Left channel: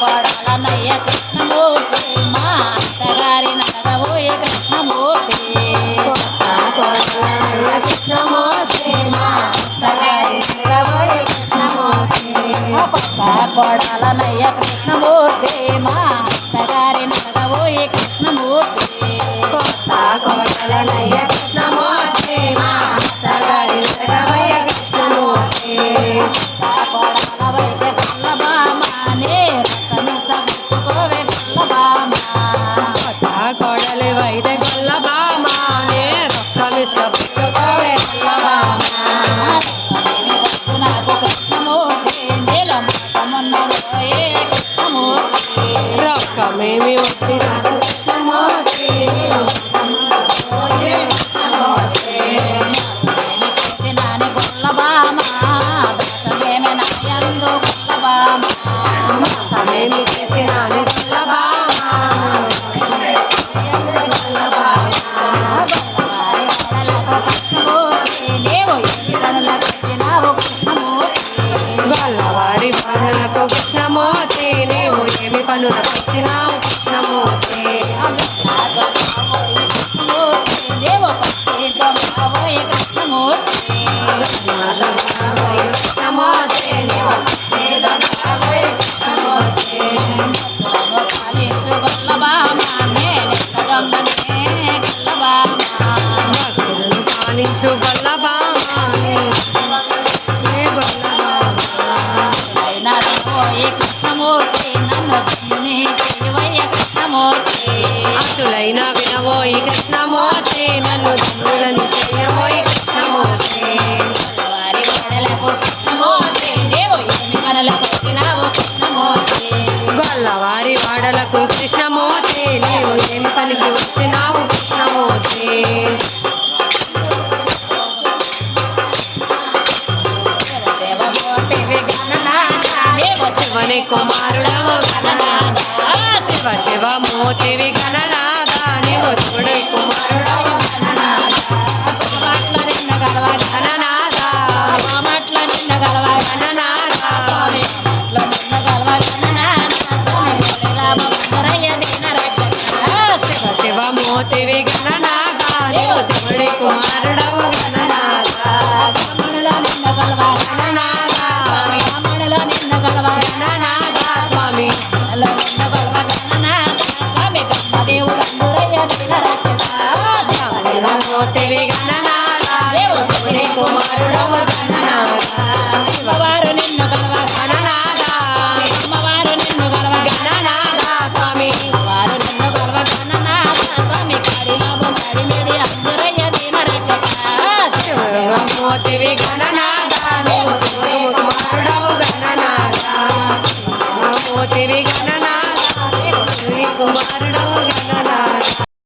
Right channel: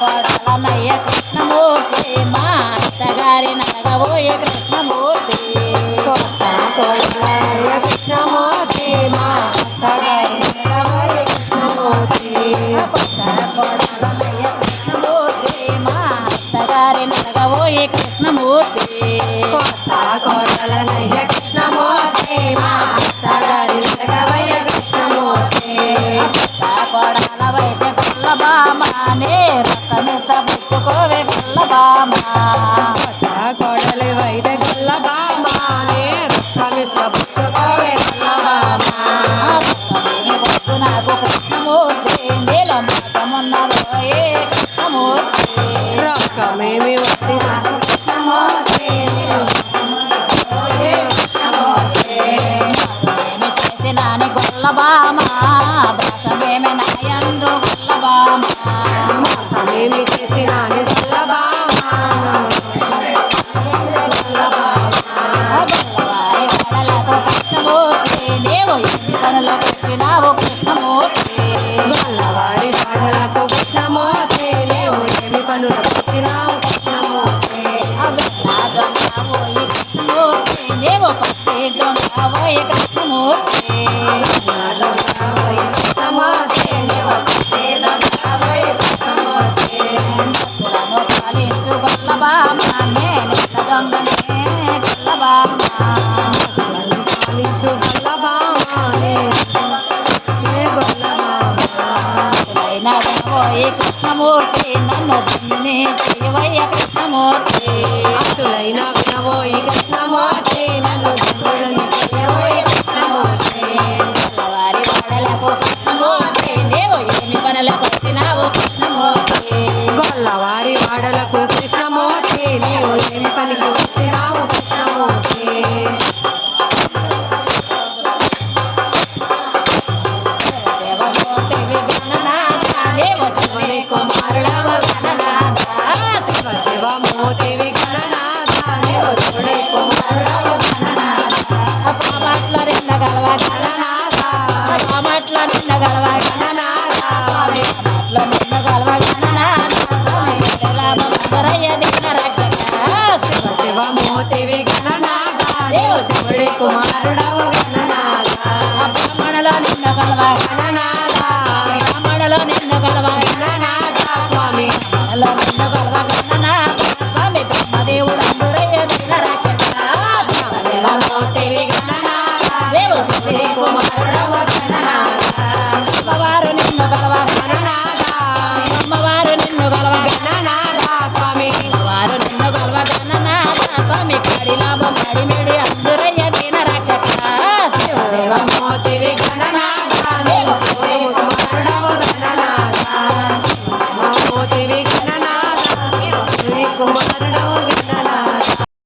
కోటలనయ్య కృష్ణమూర్తి కొత్త కోటలనయ్య కృష్ణమూర్తి మా అత్తగారి నగరబోయే కృష్ణమూర్తి కొత్త కోటలనయ్య కృష్ణమూర్తి మా అత్తగారి నగరబోయే కృష్ణమూర్తి. కొత్త కోటలనయ్య 没没有 పలు రావు నమో అయినా వినవోయి కృష్ణమోచే నన్ను తండ్రులను చేయబోయి కృష్ణమోచే వారి పడలకు వారి వాడలకు కృష్ణమోచే నీవు ఏమి పనికి వచ్చినావు కృష్ణమోచే శివ శివ మోతి విఘననా శివమూర్తివి గణనాగా శివుడి కుమారుడవు గణ ready made